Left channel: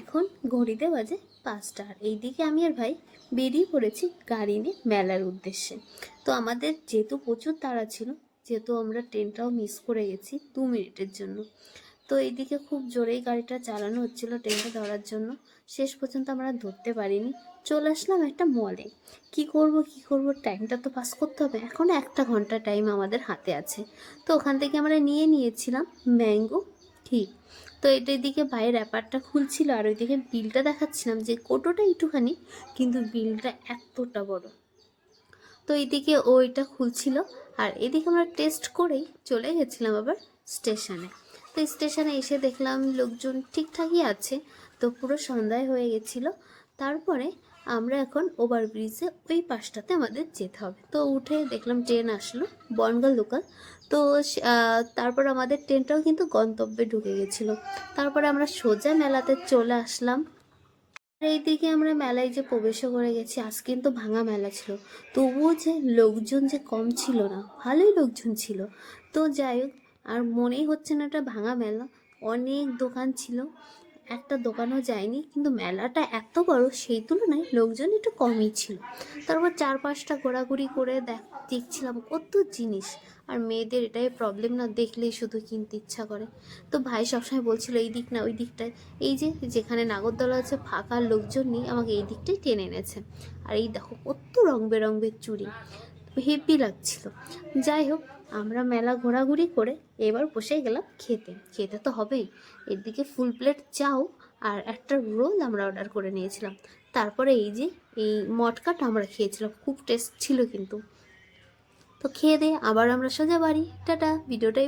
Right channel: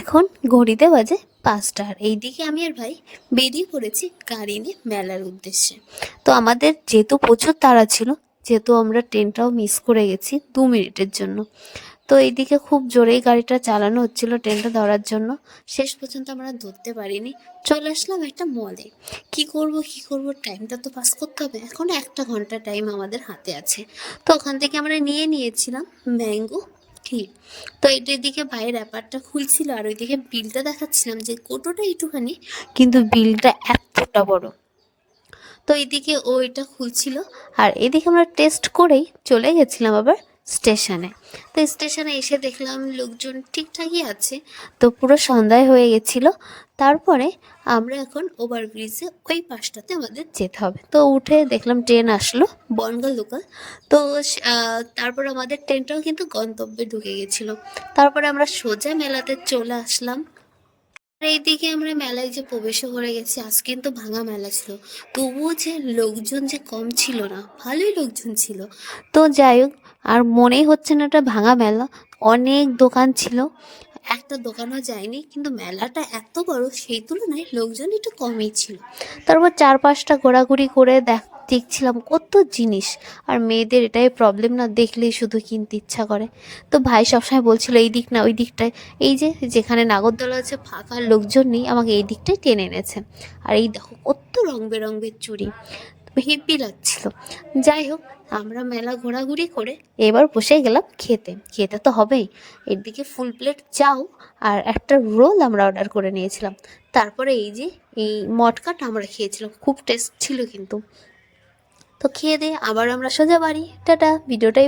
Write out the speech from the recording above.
এখন ঘড়িতে বাজে 5টা, আর এইদিকে আমি আর ভাই বেরিয়ে পড়েছি গাড়ি নিয়ে মেলার উদ্দেশ্যে। তো আমাদের যেহেতু প্রচুর তাড়া ছিল, যেহেতু আমরা ট্রেনটাও মিস করে গেছি 2 মিনিটের জন্য, তো এইদিকে খুব জোরেই গাড়িটা চালানো হচ্ছিল ট্রেনটা ধরার জন্য। শেষ পর্যন্ত আমরা ধরতে পারিনি, চলে আসলাম একটা মলে। কি করব, টাইমটা তো পাস করতে হবে, এখন 1 ঘন্টা টাইম আমাদের হাতে আছে। তো ওখান থেকে আমরা নিয়েছিলাম ম্যাঙ্গো ঠিক। তো এটার দিকে ভাইয়ের অ্যাপারটা খুলছিল, আর ওইদিকে বিলটা দেখাচ্ছিলাম যে কোটোটা একটুখানি, কিন্তু বিলটা এতটা বড়। তো এইদিকে ও এটা খুলছিল, আর এদিকে আমরা টেস্ট করেই চলে গেছিলাম আবার স্টেশনে। তো স্টেশনে এসে দেখলাম লোকজন ঠিকঠাকই আছে, তো পুরো সন্ধ্যায় হয়ে গেছিলো। তারপরে আমরা এখন ওভারব্রিজে ওই পাশটাতে আমাদের যেতে হবে, তো উঠে দেখলাম ট্রেন আসলো বনগাঁ লোকাল। তো তারপর আমাদের ট্রেনটাও কিন্তু গন্তব্যে ঢুকে গেছিলো। তারপরে আমরা সোজা মেলাতে চলে আসলাম। আর এইদিকে আমরা মেলায় যে প্রবেশও করে গেছি, আজ কিন্তু ভাঙা মেলা ছিল, তবুও যে লোকজন যে কম ছিল না, ভালোই লোকজন ছিল। তো যাই হোক, আর মনেই হচ্ছে না এটা ভাঙা মেলা, অনেক দোকান ছিল, একটা দোকানও যায়নি, কিন্তু মেলাটা এত বড় সেই তুলনায় লোকজন একটু কমই ছিল। তারপর 4-5টা ঘোরাঘুরি করে দেখছিলাম কত জিনিস। আর মেয়েদের এটাই প্রবলেম না, দেখলেই শুধু কিনতে ইচ্ছা করে। তো ভাই সবসময় বলছিল এই দিক না ওই দিকটায়, এই যে যেখানে নাগরদোলা আছে ফাঁকা, লোকজন নেই, আমাকে এই দিকটাই টেনে এনেছে। আর এই দেখো কত রং বেরঙের চুড়ি, হেভি লাগছিল। যাই হোক, আমরা মেলা ঘোরাঘুরি করে এবার বসে গেলাম খেতে, খেতে তো হবেই। এদিকে ফুল প্লেট চাও আর একটা রোল আমরা অর্ডার করে নিয়েছিলাম। তারপরে এই যে এই মটকাটা আমরা খেয়েছিলাম, খুব টেস্ট ছিল কিন্তু। তো খেয়ে দিয়ে আবার আমরা সোজা বাড়ি, টাটা। ভিডিওটাই